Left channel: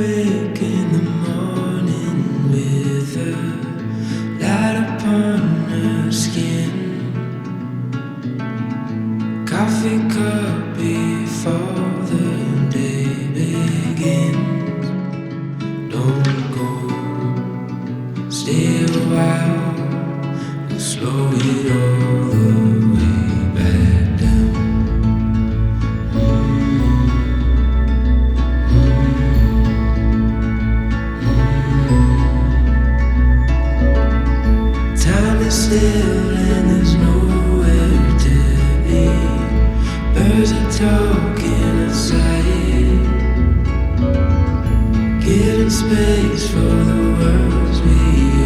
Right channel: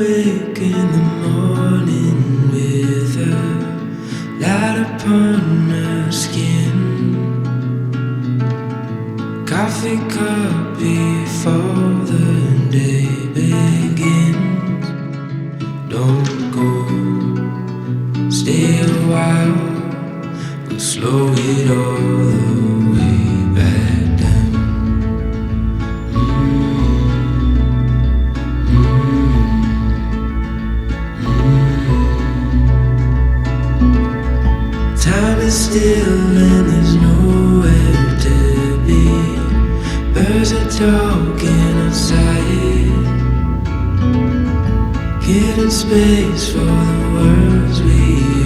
awake in the morning with a light upon her skin. Coffee cup before the day begins. Don't go, stay a while. We'll slow it all the way back down. Time is still and there's nowhere to be. Birds are talking outside, giving space for the words we